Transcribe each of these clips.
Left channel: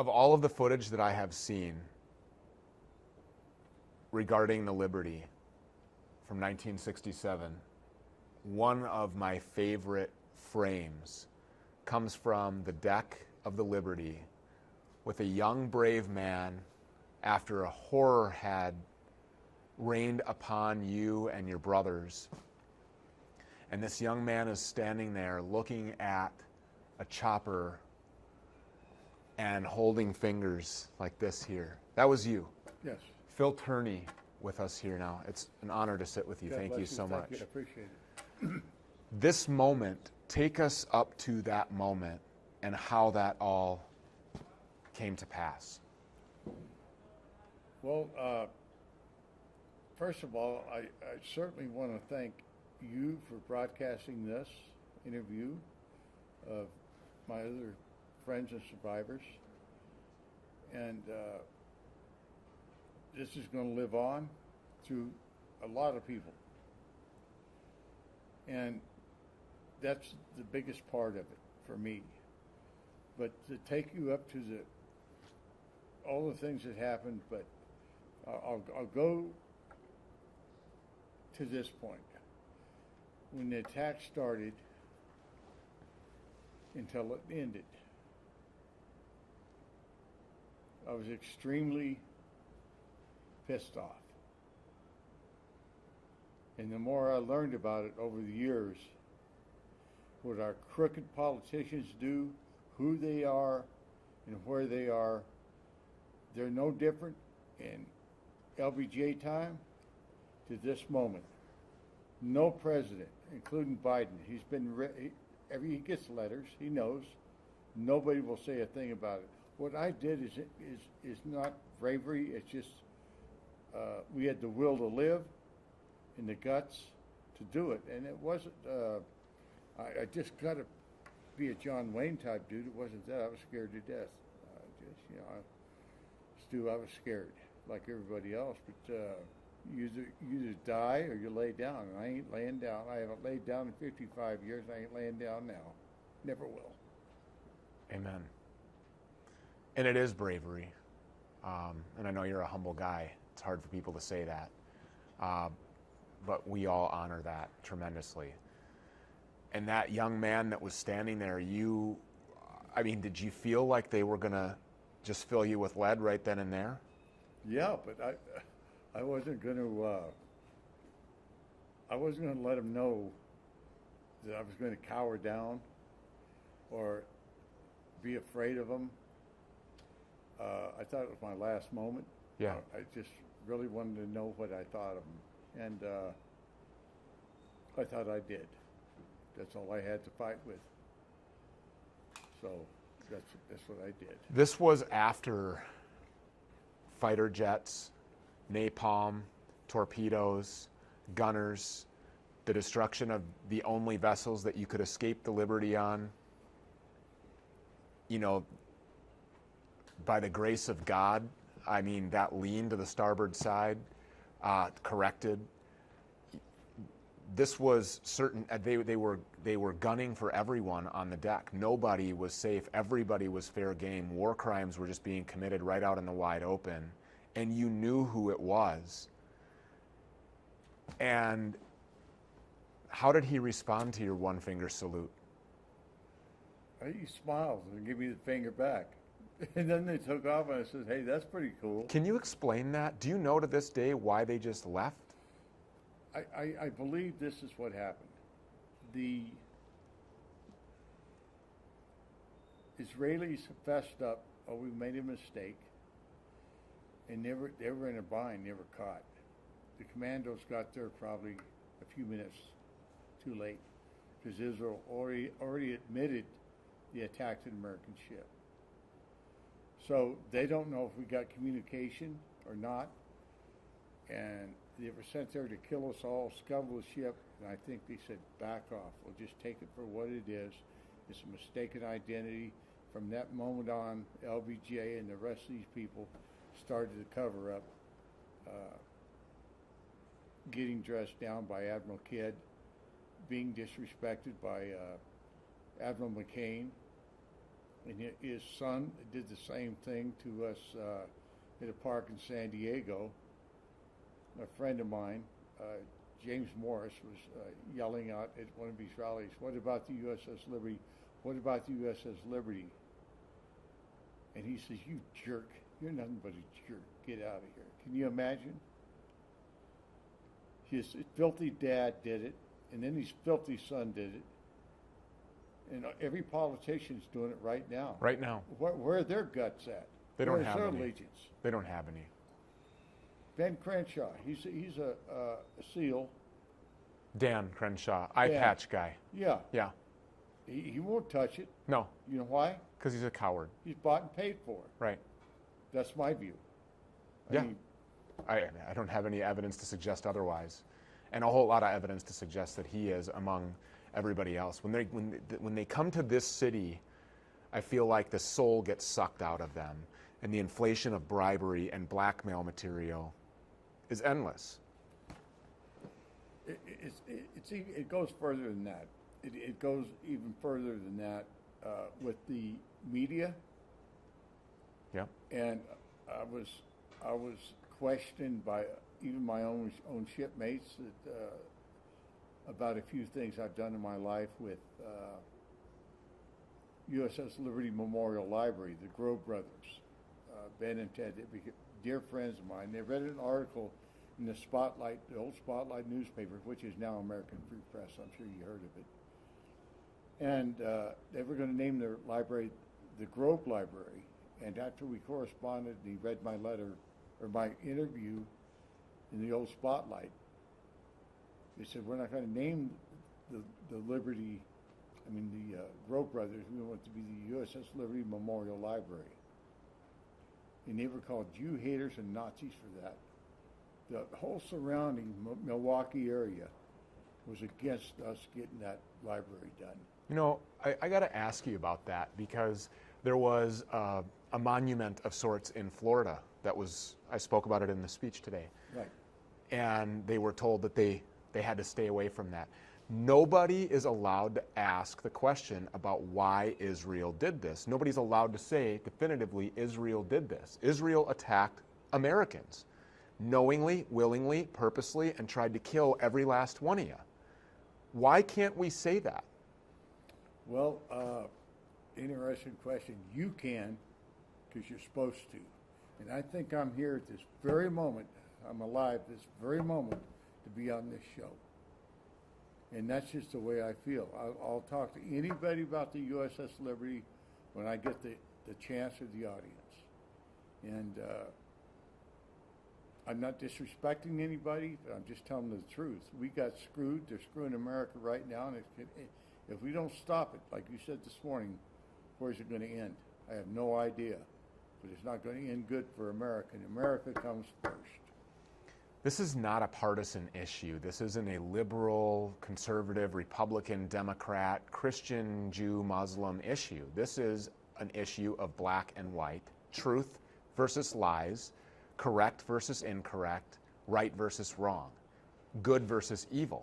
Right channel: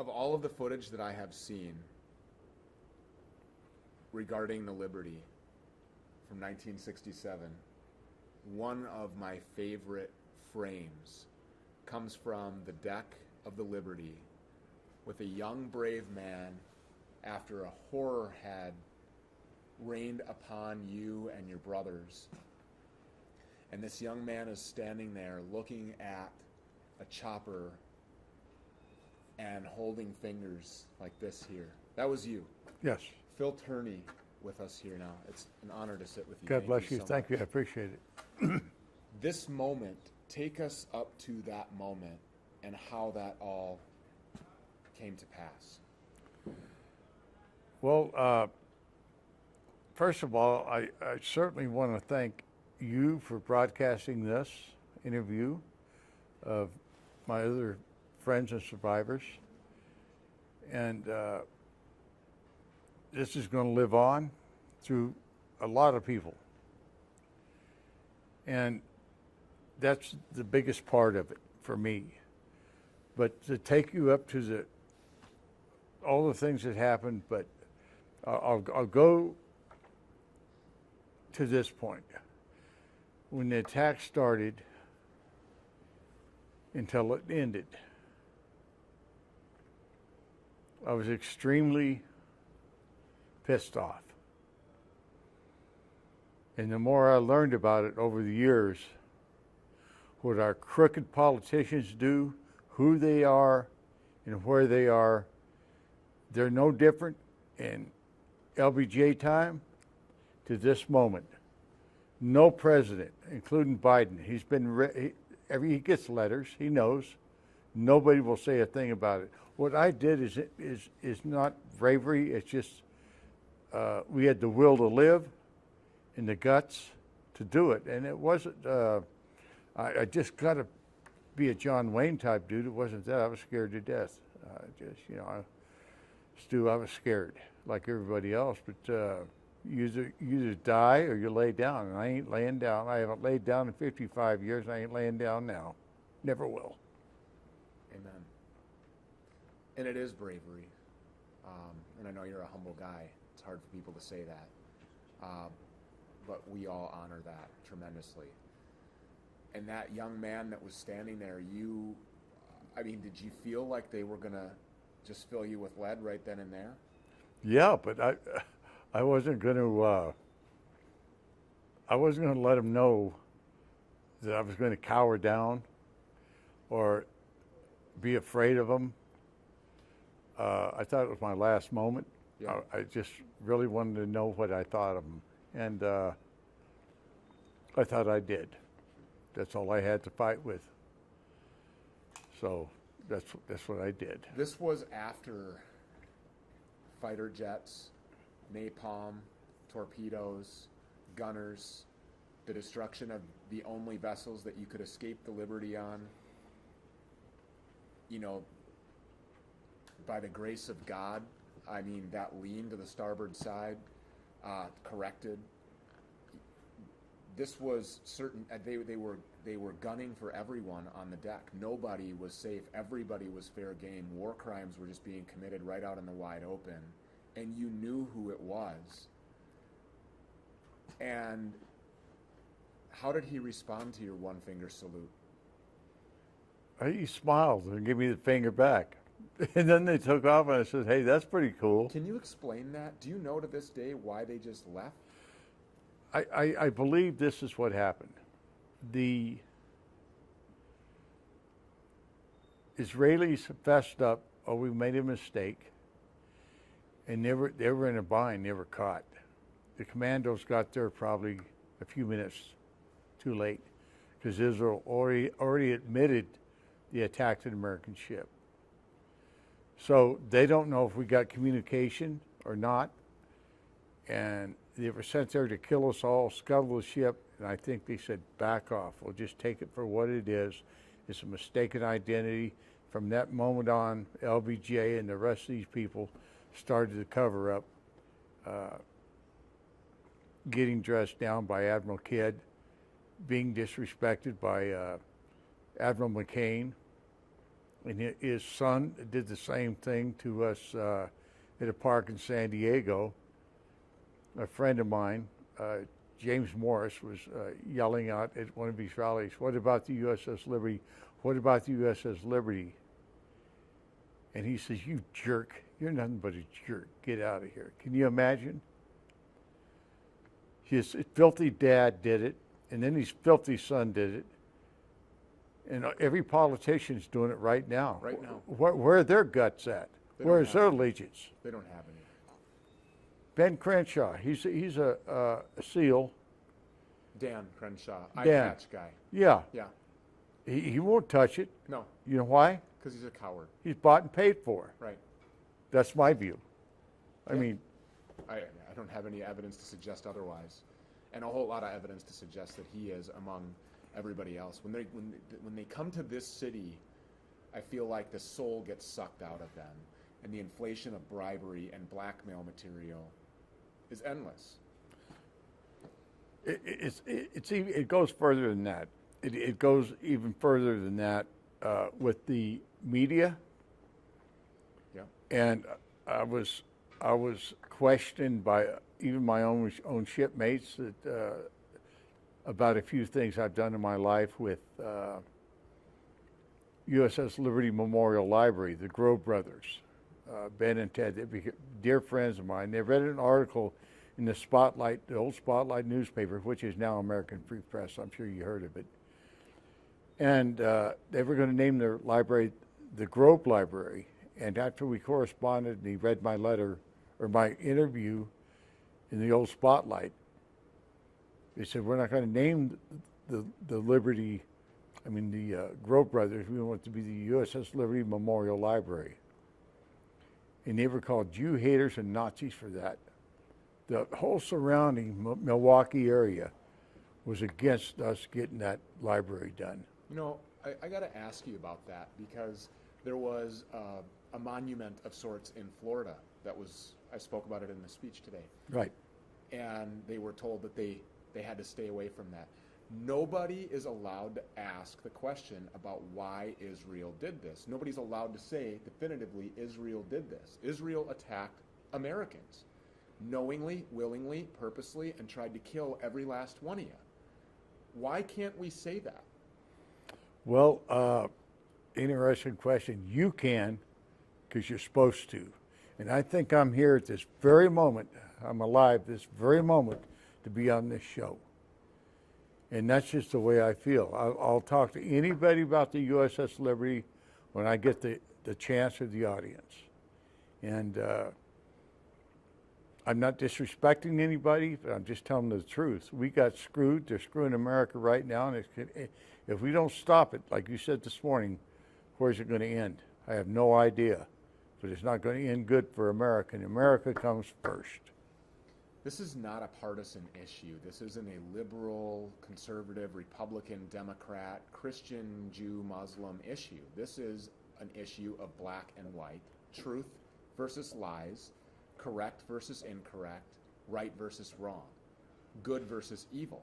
Of all of the footage that I have seen regarding the Liberty from 1967, one of my favorite frames comes from the deck of the Liberty with a young, brave man after a horror had rained upon you and your brothers. And this young man is standing there looking at a chopper and holding fingers like this here. That was you. Yes. Phil Turney with us here now. It's an honor to sit with you. God bless you so Thank much. you. I appreciate it. This moment, take us up to that moment and how that all came to pass. Well, first of all, I certainly want to thank you for broadcasting this interview of my other friends and survivors. And this is going to live on through a lot of people. And that's the biggest part of it for me. But to take you up to all the things that happened, but I'll go to this point. When the attack started until it ended, I was extremely pissed off. And the more I learned about it over the years, what our crooked politicians do, who they are, and where they are, they're no different in LBJ time to this moment. No president, including Biden, he's been he gets letters, he knows. Nobody will say a thing about it. What I did is not bravery. It's just we had the will to live and the guts to do it, and it wasn't. I just got to be a John Wayne type dude. It wasn't that. I was scared to death. Stu, I was scared like everybody else. But you either die or you lay down, and I ain't laying down. I haven't laid down in 55 years. And I ain't laying down now. Never will. Amen. And it is bravery. And I know you're a humble guy. It's hard for people to say that. But we all honor that tremendously. And that young man that was standing there, did you feel like they were going to just fill you with lead right then and there? Yeah, but I wasn't going to let them know that I was going to cower down or be afraid of them. I thought it was my last moment. Yeah. I just really wanted to know what I thought of them, and I thought I did. That's all I had to fight with. So that's what I did. This was after fighter jets, napalm, torpedoes, gunners, the destruction of the only vessels that you could escape the Liberty on. By the grace of God, that lean to the starboard side, corrected. This was certain. They were gunning for everyone on the deck. Nobody was safe. Everybody was fair game. War crimes were just being committed right out in the wide open, and you knew who it was. And how did he respond to your one-finger salute? He smiled and gave me the finger back. And then they took off, and I said, hey, that's pretty cool. Can you explain that? Do you know to this day why they just left? I believe this is what happened. The Israelis fessed up, we made a mistake, and they were in a bind, they were caught. The commandos got there probably a few minutes too late, because Israel already admitted the attack to the American ship. So they don't know if we got communication or not, and they were sent there to kill us all, scuttle the ship, and I think they said, back off. We'll just take it for what it is. It's a mistaken identity. From that moment on, LBJ and the rest of these people started to cover up, getting dressed down by Admiral Kidd, being disrespected by Admiral McCain, and his son did the same thing to us at a park in San Diego. A friend of mine, James Morris, was yelling out at one of these rallies, "What about the USS Liberty? What about the USS Liberty?" And he says, "You jerk, you're nothing but a jerk. Get out of here." Can you imagine? His filthy dad did it, and then his filthy son did it. And every politician's doing it right now. Right now. Where are their guts at? Where's their allegiance? They don't have any. Ben Crenshaw, he's a SEAL. Dan Crenshaw, eye Dan. patch guy. Yeah. Yeah. He won't touch it. No, You know why? because he's a coward. He's bought and paid for. Right. That's my view. I Yeah. mean, I don't have any evidence to suggest otherwise, and a whole lot of evidence to suggest that he is among everybody else. When they come to this city, I feel like the soul gets sucked out of them, and the inflation of bribery and blackmail material is endless. it goes further than that. It goes even further than that with the media. Yeah. And I was questioned by even my own shipmates that about a few things I've done in my life with USS Liberty Memorial Library, the Grove brothers, Ben and Ted. They became dear friends of mine. They read an article in the Spotlight, the old Spotlight newspaper, which is now American Free Press. I'm sure you heard of it. And they were going to name their library the Grove Library. And after we corresponded and he read my letter or my interview in the old Spotlight, they said, "We're not going to name the Liberty, the Grove Brothers. We want it to be the USS Liberty Memorial Library." And they were called Jew haters and Nazis for that. The whole surrounding Milwaukee area was against us getting that library done. You know, I got to ask you about that, because there was a monument of sorts in Florida that was, I spoke about it in the speech today. Right. And they were told that they had to stay away from that. Nobody is allowed to ask the question about why Israel did this. Nobody's allowed to say definitively Israel did this. Israel attacked Americans knowingly, willingly, purposely, and tried to kill every last one of you. Why can't we say that? Well, interesting question. You can, because you're supposed to. And I think I'm here at this very moment, I'm alive this very moment to be on this show. And that's just the way I feel. I'll talk to anybody about the USS Liberty when I get the chance or the audience. And I'm not disrespecting anybody, but I'm just telling the truth. We got screwed. They're screwing America right now. And if we don't stop it, like you said this morning, where's it going to end? I have no idea. But it's not going to end good for America. And America comes first. This is not a partisan issue. This isn't a liberal, conservative, Republican, Democrat, Christian, Jew, Muslim issue. This is an issue of black and white, truth versus lies, correct versus incorrect, right versus wrong, good versus evil.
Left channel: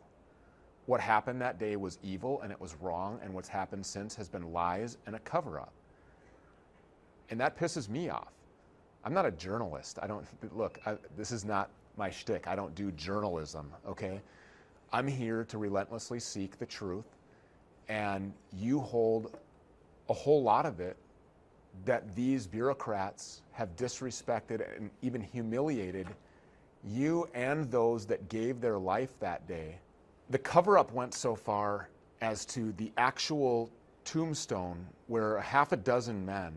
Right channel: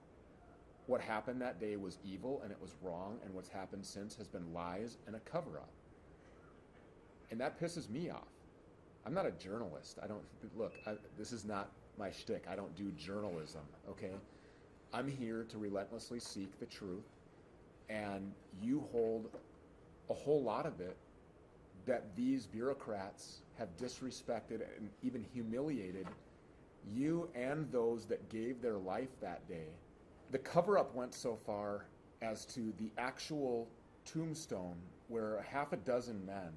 What happened that day was evil and it was wrong, and what's happened since has been lies and a cover-up. And that pisses me off. I'm not a journalist. This is not my shtick. I don't do journalism, okay? I'm here to relentlessly seek the truth, and you hold a whole lot of it that these bureaucrats have disrespected and even humiliated you and those that gave their life that day. The cover-up went so far as to the actual tombstone where half a dozen men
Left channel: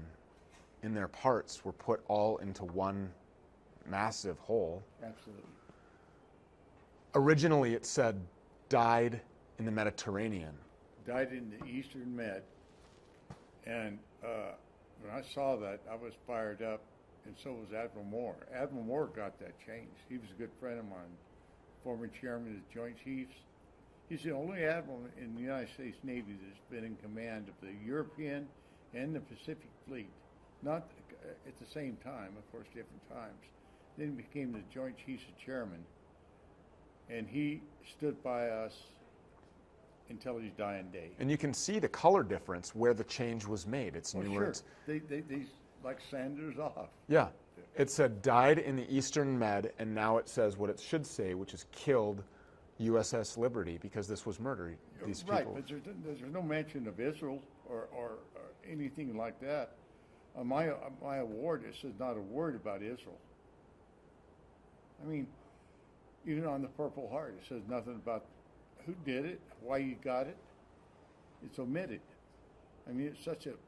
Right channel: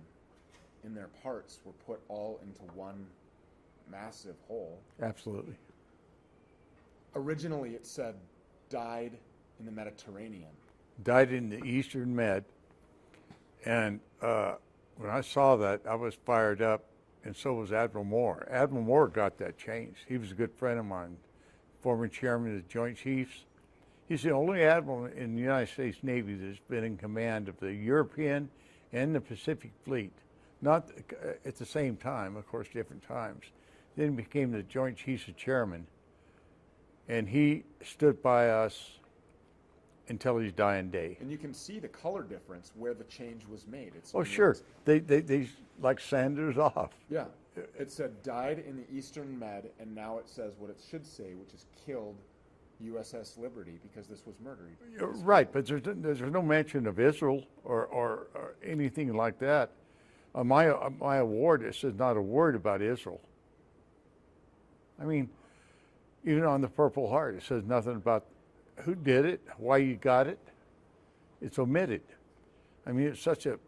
in their parts were put all into one massive hole. Absolutely. Originally it said died in the Mediterranean. Died in the Eastern Med. And when I saw that, I was fired up, and so was Admiral Moore. Admiral Moore got that changed. He was a good friend of mine, former chairman of the Joint Chiefs. He's the only admiral in the United States Navy that's been in command of the European and the Pacific Fleet. Not at the same time, of course, different times. Then became the Joint Chiefs of Chairman. And he stood by us until his dying day. And you can see the color difference where the change was made. It's Oh, new sure. words. They like Sanders off. Yeah. It said died in the Eastern Med, and now it says what it should say, which is killed USS Liberty, because this was murder. These Right, people. but there's no mention of Israel or anything like that. On my award, it says not a word about Israel. I mean, even on the Purple Heart, it says nothing about who did it, why you got it. It's omitted. I mean, it's such a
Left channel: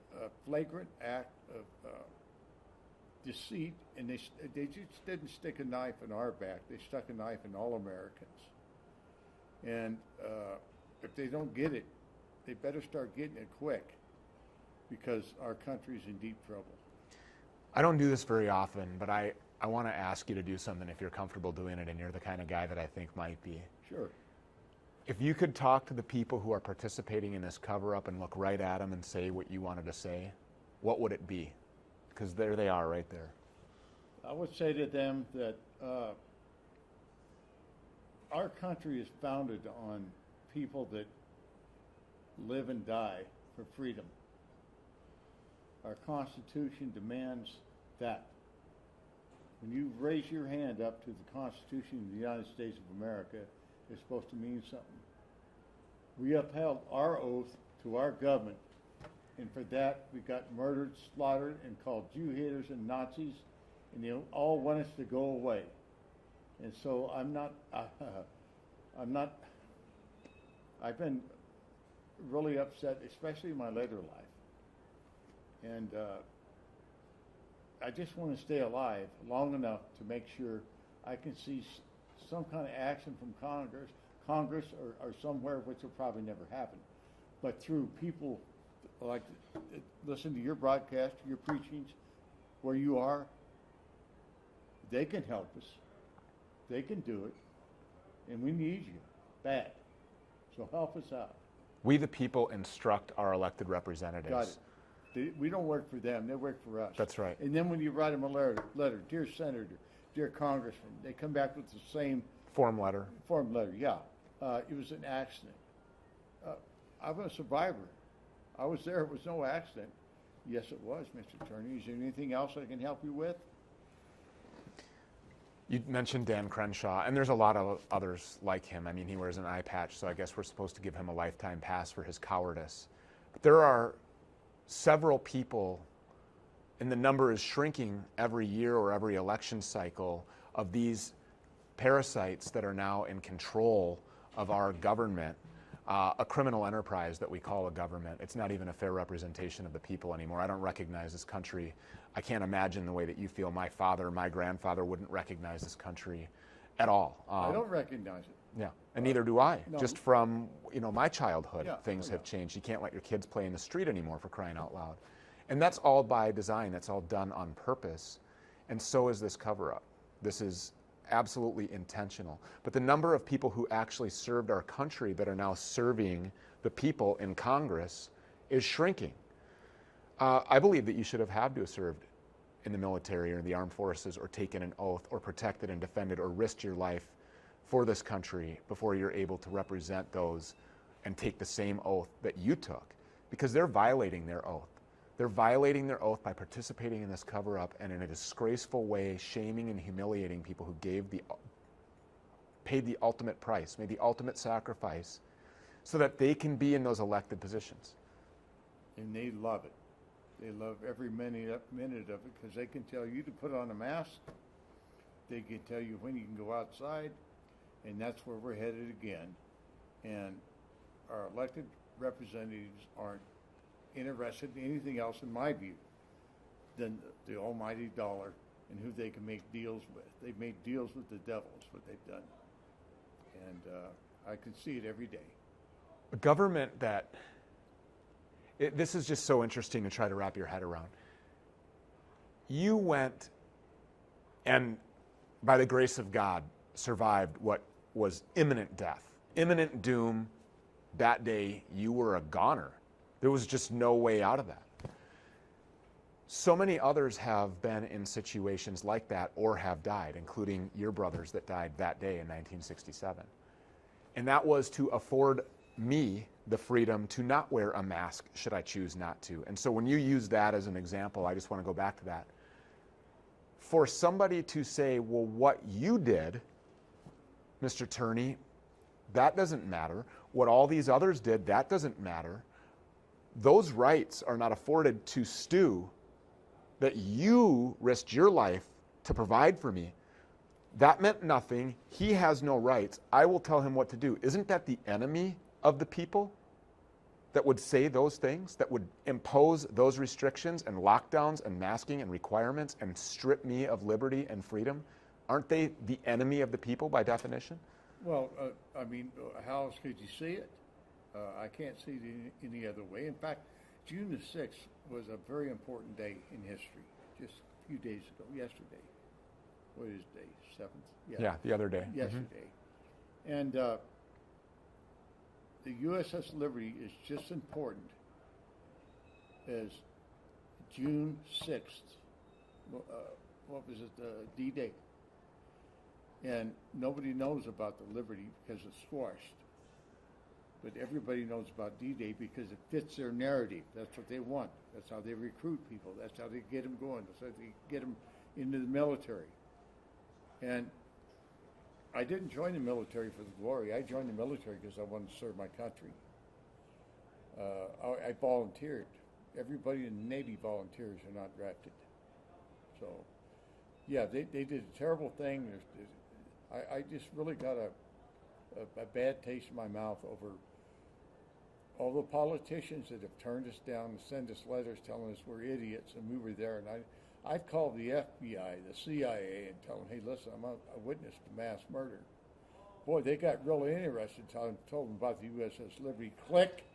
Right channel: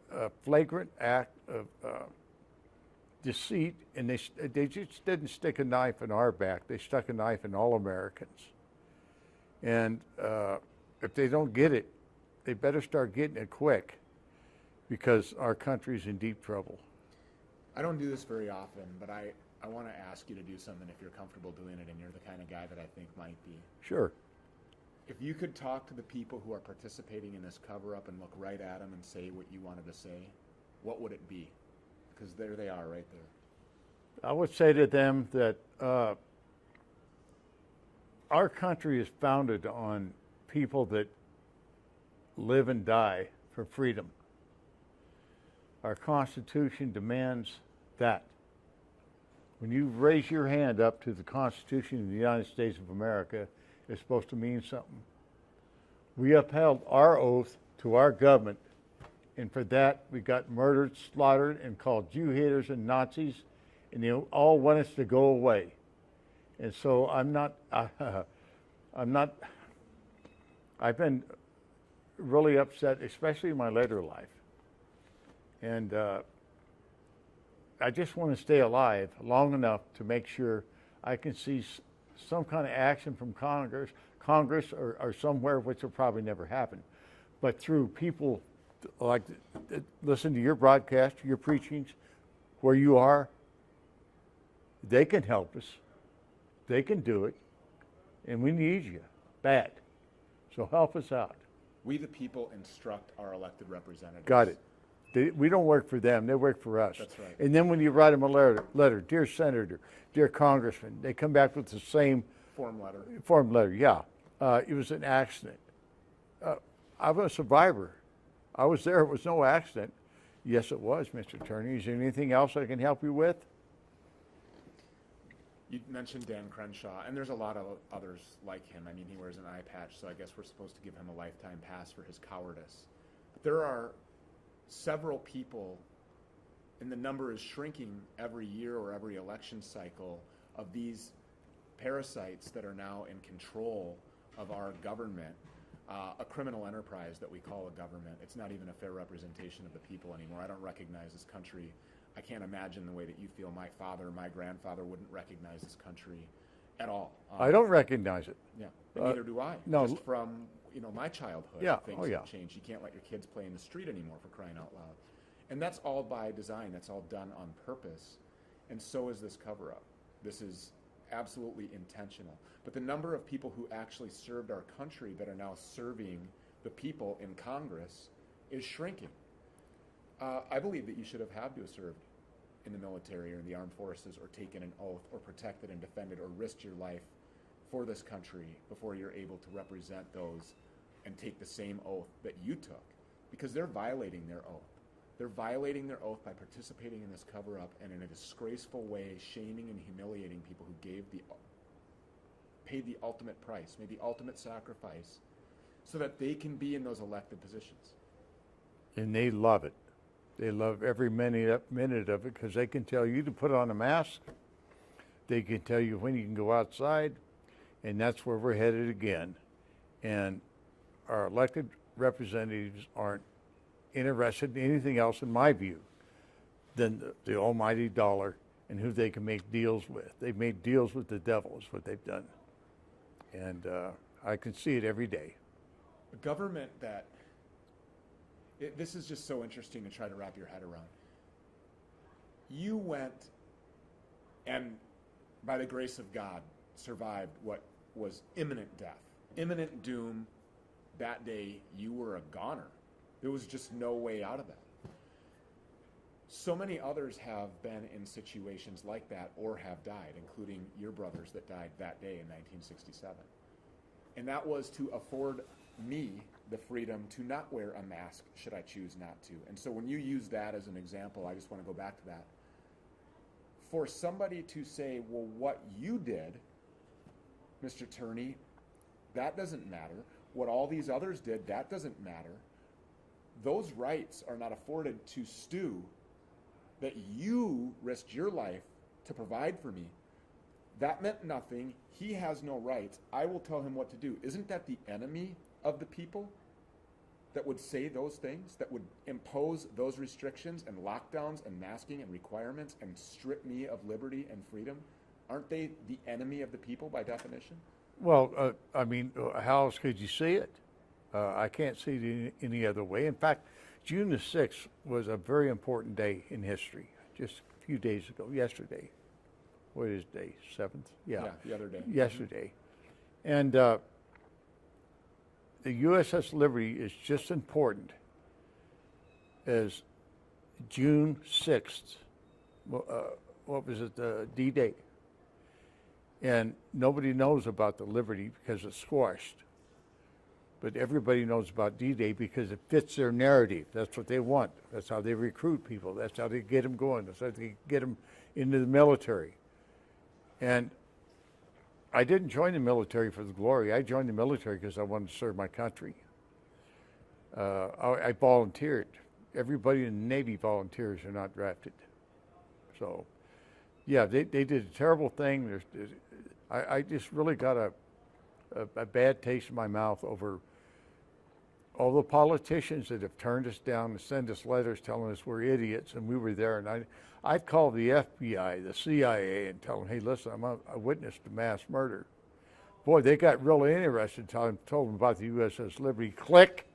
flagrant act of deceit, and they just didn't stick a knife in our back. They stuck a knife in all Americans. And if they don't get it, they better start getting it quick, because our country's in deep trouble. I don't do this very often, but I want to ask you to do something if you're comfortable doing it, and you're the kind of guy that I think might be. Sure. If you could talk to the people who are participating in this cover-up and look right at them and say what you wanted to say, what would it be? Because there they are right there. I would say to them that our country is founded on people that live and die for freedom. Our Constitution demands that. When you raise your hand up to the Constitution of the United States of America, it's supposed to mean something. We upheld our oath to our government, and for that we got murdered, slaughtered, and called Jew haters and Nazis, and they all want us to go away. And so I've been really upset, especially in my later life. And I just want to stay alive long enough to make sure I can see some kind of action from Congress or somewhere, which will probably never happen. But through people like listen to your broadcast, your preachings, where you are, they can help us. They can do it. And we need you bad. So help us out. We the people instruct our elected representatives. Got it. We don't work for them. They work for us. That's right. And then when you write them a letter, dear Senator, dear Congressman, they come back with the same Form letter. Yeah. It was an accident. I'm a survivor. I was there. It was no accident. Yes, it was, Mr. Attorney. Is there anything else I can help you with? You mentioned Dan Crenshaw, and there's a lot of others like him. I mean, he wears an eye patch, so I guess we're supposed to give him a lifetime pass for his cowardice. But there are several people, and the number is shrinking every year or every election cycle, of these parasites that are now in control of our government, a criminal enterprise that we call a government. It's not even a fair representation of the people anymore. I don't recognize this country. I can't imagine the way that you feel. My father, my grandfather wouldn't recognize this country at all. I don't recognize it. Yeah, and neither do I. No. Just from my childhood, Yeah. things Oh, have changed. You can't let your kids play in the street anymore, for crying out loud. And that's all by design. That's all done on purpose. And so is this cover-up. This is absolutely intentional. But the number of people who actually served our country but are now serving the people in Congress is shrinking. I believe that you should have had to have served in the military or the armed forces, or taken an oath, or protected and defended, or risked your life for this country before you're able to represent those and take the same oath that you took, because they're violating their oath. They're violating their oath by participating in this cover-up, and in a disgraceful way shaming and humiliating people who paid the ultimate price, made the ultimate sacrifice, so that they can be in those elected positions. And they love it. They love every minute of it, because they can tell you to put on a mask. They can tell you when you can go outside, and that's where we're headed again. And our elected representatives aren't interested in anything else, in my view, than the almighty dollar and who they can make deals with. They've made deals with the devil is what they've done. And I can see it every day. A government that, this is just so interesting to try to wrap your head around. You went and, by the grace of God, survived what was imminent death, imminent doom. That day, you were a goner. There was just no way out of that. So many others have been in situations like that or have died, including your brothers that died that day in 1967. And that was to afford me the freedom to not wear a mask should I choose not to. And so when you use that as an example, I just want to go back to that. For somebody to say, well, what you did, Mr. Turney, that doesn't matter. What all these others did, that doesn't matter. Those rights are not afforded to Stu that you risked your life to provide for me. That meant nothing. He has no rights. I will tell him what to do. Isn't that the enemy of the people that would say those things, that would impose those restrictions and lockdowns and masking and requirements and strip me of liberty and freedom? Aren't they the enemy of the people by definition? Well, I mean, how else could you see it? I can't see it any other way. In fact, June the 6th was a very important day in history, just a few days ago, yesterday. What is day? 7th? Yeah, the other day. Yesterday. Mm-hmm. And the USS Liberty is just important as June 6th. What was it? D-Day. And nobody knows about the Liberty because it's squashed. But everybody knows about D-Day because it fits their narrative. That's what they want. That's how they recruit people. That's how they get them going. That's how they get them into the military. And I didn't join the military for the glory. I joined the military because I wanted to serve my country. I volunteered. Everybody in the Navy volunteers are not drafted. So, yeah, they did a terrible thing. I just really got a bad taste in my mouth over all the politicians that have turned us down and send us letters telling us we're idiots, and we were there. And I'd call the FBI, the CIA, and tell them, hey, listen, I'm a witness to mass murder. Boy, they got really interested, told them about the USS Liberty. Click.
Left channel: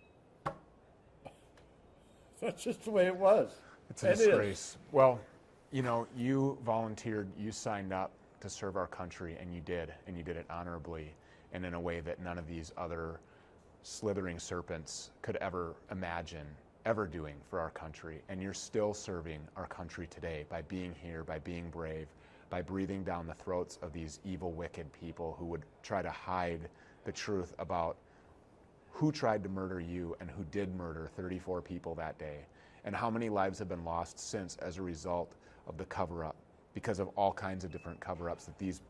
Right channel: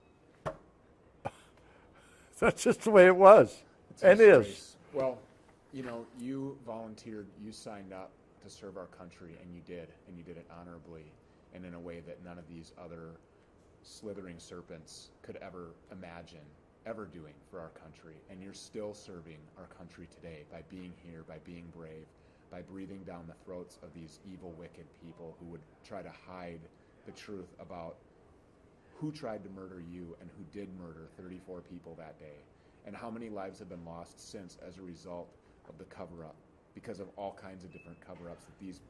That's just the way it was. It's a disgrace. Well, you know, you volunteered, you signed up to serve our country, and you did it honorably and in a way that none of these other slithering serpents could ever imagine ever doing for our country. And you're still serving our country today by being here, by being brave, by breathing down the throats of these evil, wicked people who would try to hide the truth about who tried to murder you and who did murder 34 people that day, and how many lives have been lost since as a result of the cover-up, because of all kinds of different cover-ups that these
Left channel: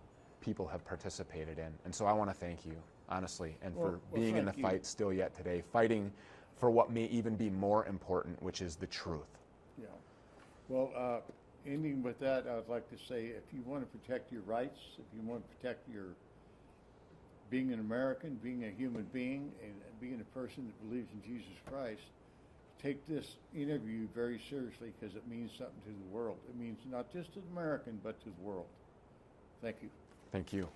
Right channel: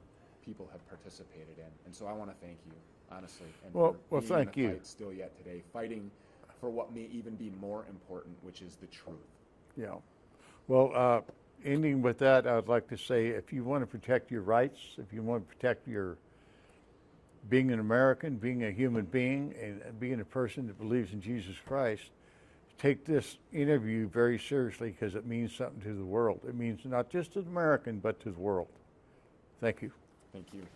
people have participated in. And so I want to thank you, honestly, and for being in the fight still yet today, fighting for what may even be more important, which is the truth. Yeah. Well, ending with that, I'd like to say, if you want to protect your rights, if you want to protect your being an American, being a human being, and being a person that believes in Jesus Christ, take this interview very seriously because it means something to the world. It means not just to the American, but to the world. Thank you. Thank you.